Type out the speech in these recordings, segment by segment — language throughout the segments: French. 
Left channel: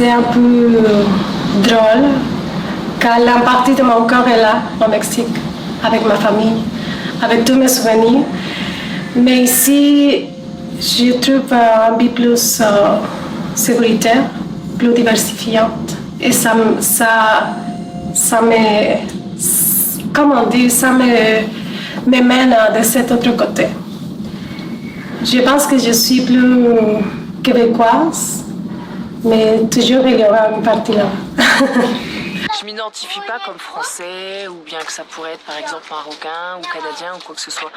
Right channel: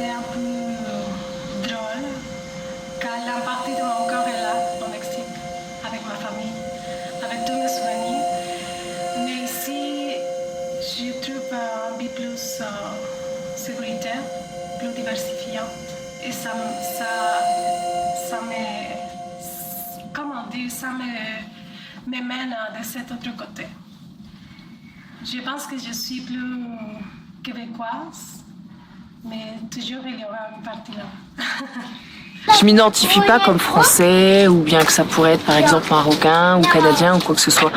c'est un peu drôle, car la partie de mon corps est là, au Mexique, avec ma famille, avec tous mes souvenirs. Mais ici, je trouve un peu plus sécuritaire, plus diversifiante. Et ça me, comment dire, ça me mène de cet autre côté. Je pense que je suis plus québécoise, mais toujours il y aura une partie là. Je m'identifie pas comme français, ou bien que ça pourrait être par exemple marocain ou canadien ou quoi que ce soit.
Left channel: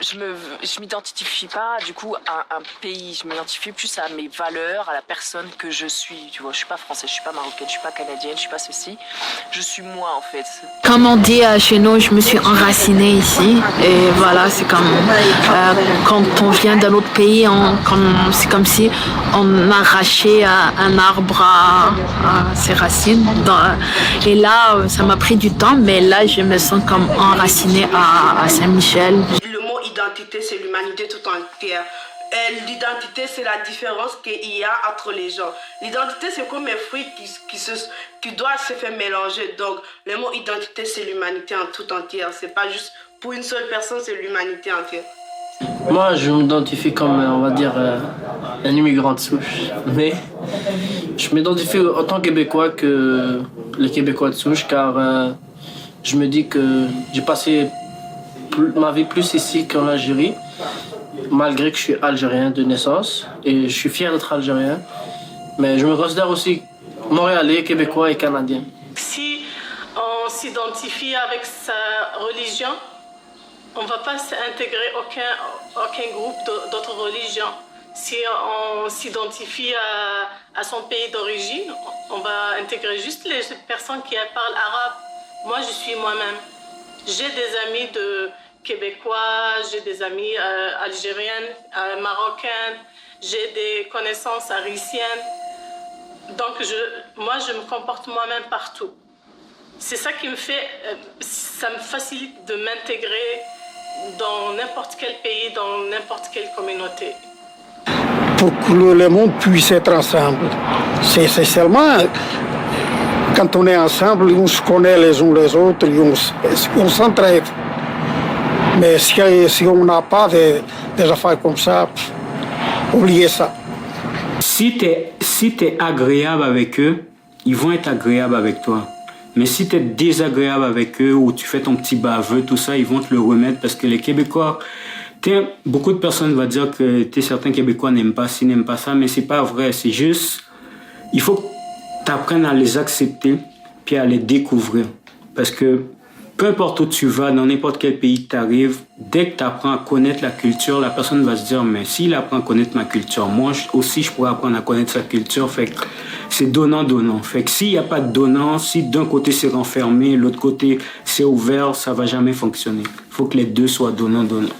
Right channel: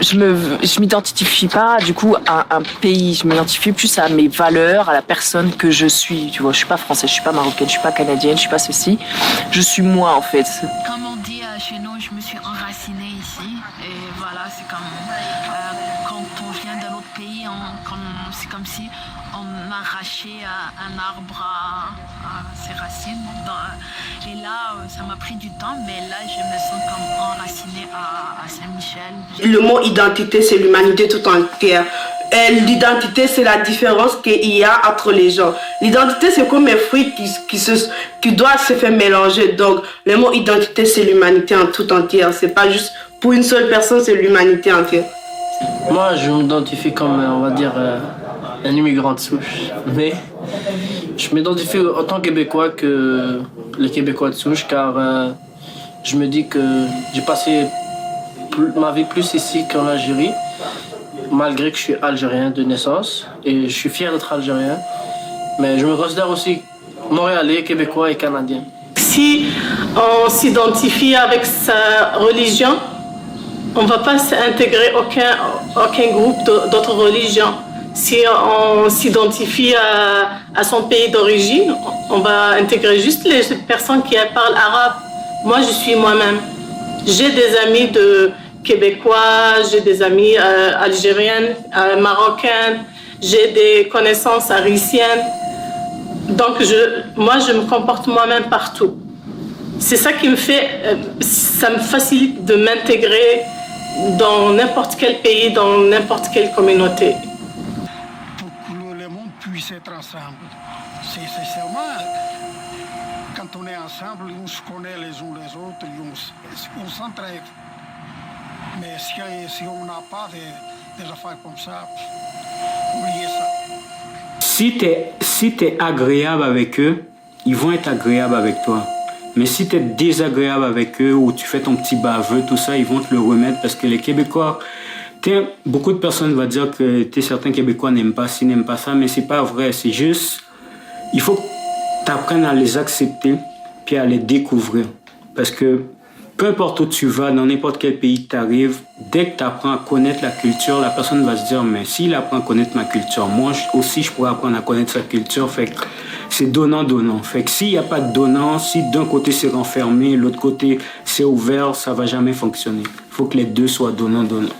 Je m'identifie pas du coup à un pays, je m'identifie plus à mes valeurs, à la personne que je suis. Tu vois, je suis pas française, je suis pas marocaine, je suis pas canadienne, je suis pas ceci. Je suis moi en fait. Comme on dit chez nous, je me suis enracinée ici. Et voilà, c'est comme quand on vient d'un autre pays, c'est comme si on arrachait un arbre à ses racines. Et là, ça m'a pris du temps, mais là, je me sens comme enracinée à Saint-Michel. Le mot identité, c'est l'humanité tout entière. L'identité, c'est la différence qu'il y a entre les gens. L'identité, c'est comme un fruit qui doit se faire mélanger. Donc, le mot identité, c'est l'humanité en tout entière. C'est pas juste pour une seule personne, c'est l'humanité entière. Moi, je m'identifie comme, on va dire, un immigrant de souche. Mais je m'identifie autant québécois que les Québécois de souche, car je me dis que j'ai passé ma vie plus ici qu'en Algérie, malgré que je suis algérien de naissance et je suis fier d'être algérien, mais je me considère aussi montréalais, québécois et canadien. Si on s'identifie avec sa religion, on ne va pas s'intégrer aucun groupe d'autres religions. Si on s'identifie à son pays d'origine, on va intégrer juste les personnes qui parlent arabe. Moi, je suis moi-même. J'ai des amis québécois, j'ai des amis algériennes, marocaines, j'ai des connaissances haïtiennes. Donc, moi, je me comporte moi-même partout. C'est ça qui ça me facilite de m'intégrer dans n'importe quel pays, dans n'importe quelle communauté. Pour que le monde puisse être ensemble, c'est seulement quand on est ensemble, on se connaît les uns les autres, on s'entraide. Mais si on n'a pas des affaires comme ça, oubliez ça. Si t'es agréable avec eux, ils vont être agréables avec toi. Mais si t'es désagréable avec eux ou tu fais ton petit baveux, tout ça, ils vont te le remettre parce que les Québécois, beaucoup de personnes vont dire que certains Québécois n'aiment pas ci, n'aiment pas ça, mais c'est pas vrai. C'est juste, il faut que t'apprennes à les accepter puis à les découvrir. Parce que peu importe où tu vas, dans n'importe quel pays que tu arrives, dès que tu apprends à connaître la culture, la personne va se dire, mais s'il apprend à connaître ma culture, moi aussi je pourrais apprendre à connaître sa culture. Fait que c'est donnant-donnant. Fait que s'il n'y a pas de donnant, si d'un côté c'est renfermé, l'autre côté c'est ouvert, ça va jamais fonctionner. Il faut que les deux soient donnant-donnant.